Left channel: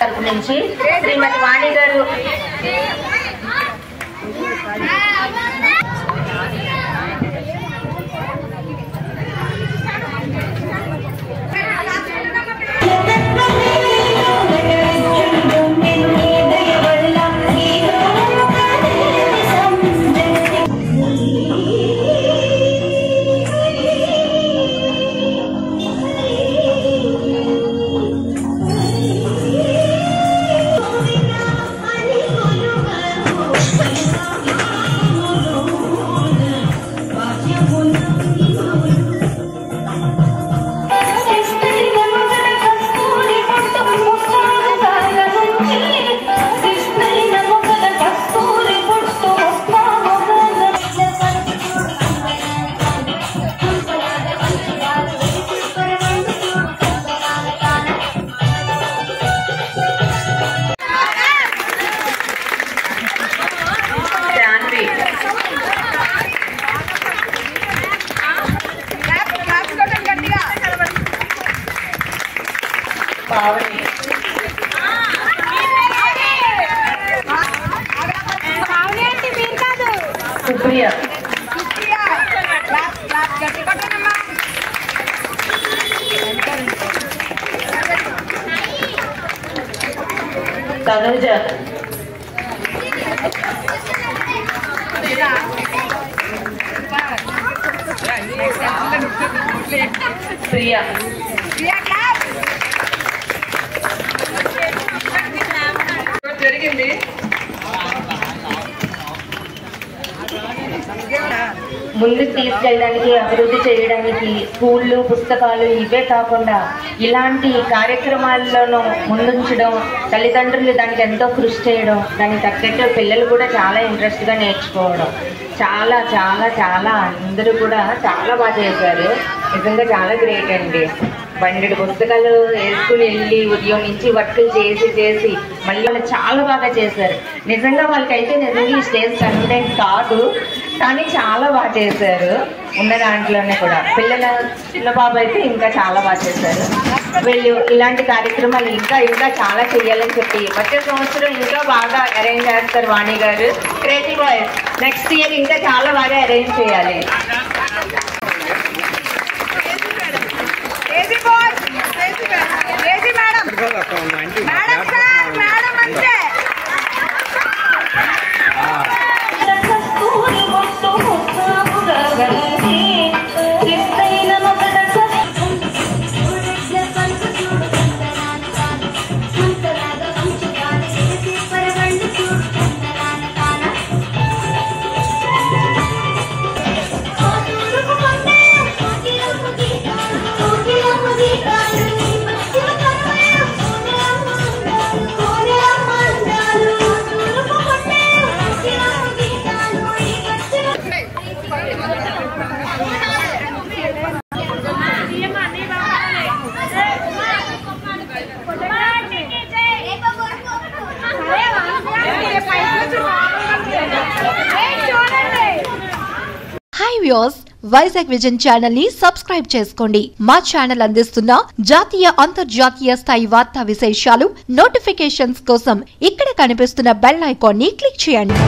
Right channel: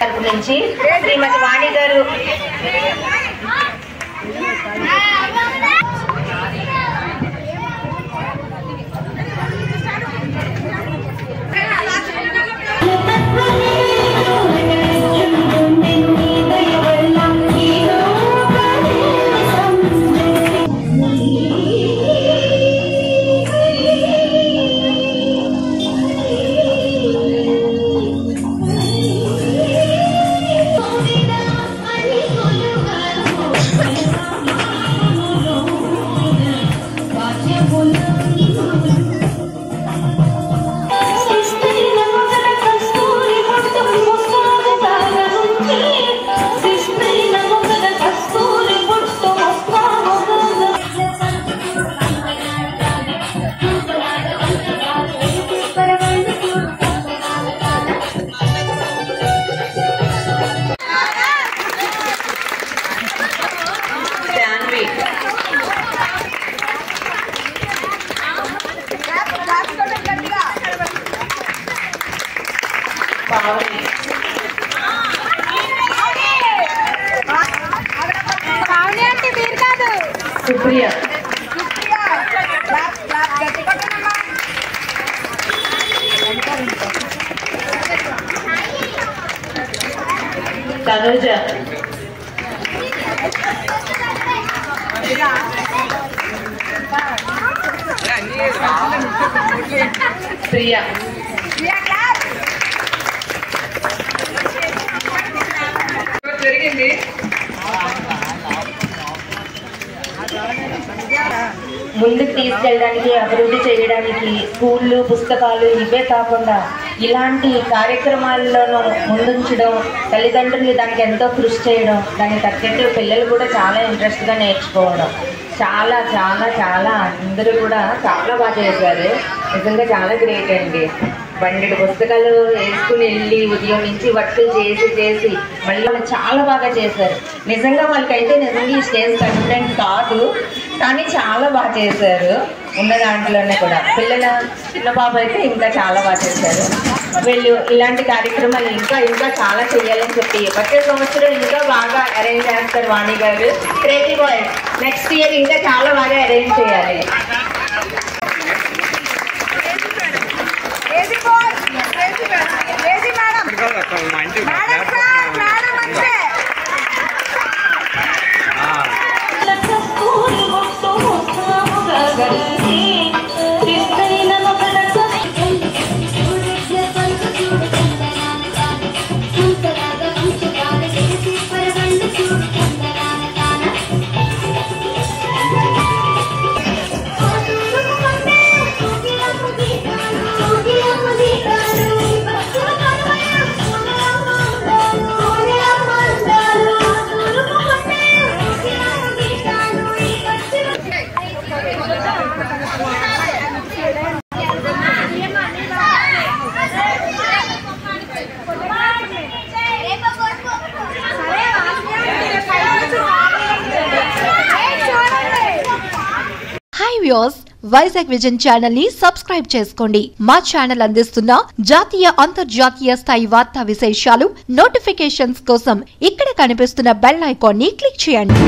నుంచి శ్రీమతి వాణి గారు सुप्रिया तनुजा प्रिया ముందుకు తీసుకెళ్ళడానికి అభివృద్ధి చేయడానికి స్కూళ్ళు పుస్తకాలు ఇవే కాకుండా ఇలాంటి కార్యక్రమాల్లోనూ ముందుంచడం తల్లిదండ్రులు దానికి ఎంతో కృషి చేయడం దానికి తగ్గట్టు పిల్లలు కూడా చాలా ఇంట్రెస్ట్గా నేర్చుకోవడం చాలా చాలా చాలా అందరూ కూడా చాలా బాగా చేశారు. నిజంగా చాలా గ్రేట్ అండి. 12 పుస్తకాలు వేసుకుని వెళ్ళి ఉదయం నుంచి వర్కులు చేసి మళ్ళీ వాళ్ళు చాలా బాగా చేశారు. నిజంగా వాళ్ళకైతే నిజంగా ఈ స్టేజ్ కంటెంట్ కాదు, కానీ చాలా బాగా చేశారు. ఉన్న దాంట్లోనే కూడా పిల్లల చిన్న బాబు అయితే ఇంకా చాలా బాగా చేశారు. వీళ్ళు ఇలాంటి కార్యక్రమాలు ఇంకా చాలా చేయాలని చెప్పి వచ్చే సంవత్సరం ఇంకా బాగా అరేంజ్ చేస్తారు. వాణి గారు క్రేజీ బాయ్స్ నెక్స్ట్ ఇయర్ ఇంకా చాలా బాగా అరేంజ్ చేయాలి. Hi viewers, Vizag vision channel ని సబ్స్క్రైబ్ చేసుకోండి. మా ఛానల్ అందిస్తున్న జాతీయ అంతర్జాతీయ స్థాయి వార్తా విశేషాలు నోటిఫికేషన్స్ కోసం ఇక్కడ కనిపిస్తున్న బెల్ ఐకాన్ ని క్లిక్ చేయండి.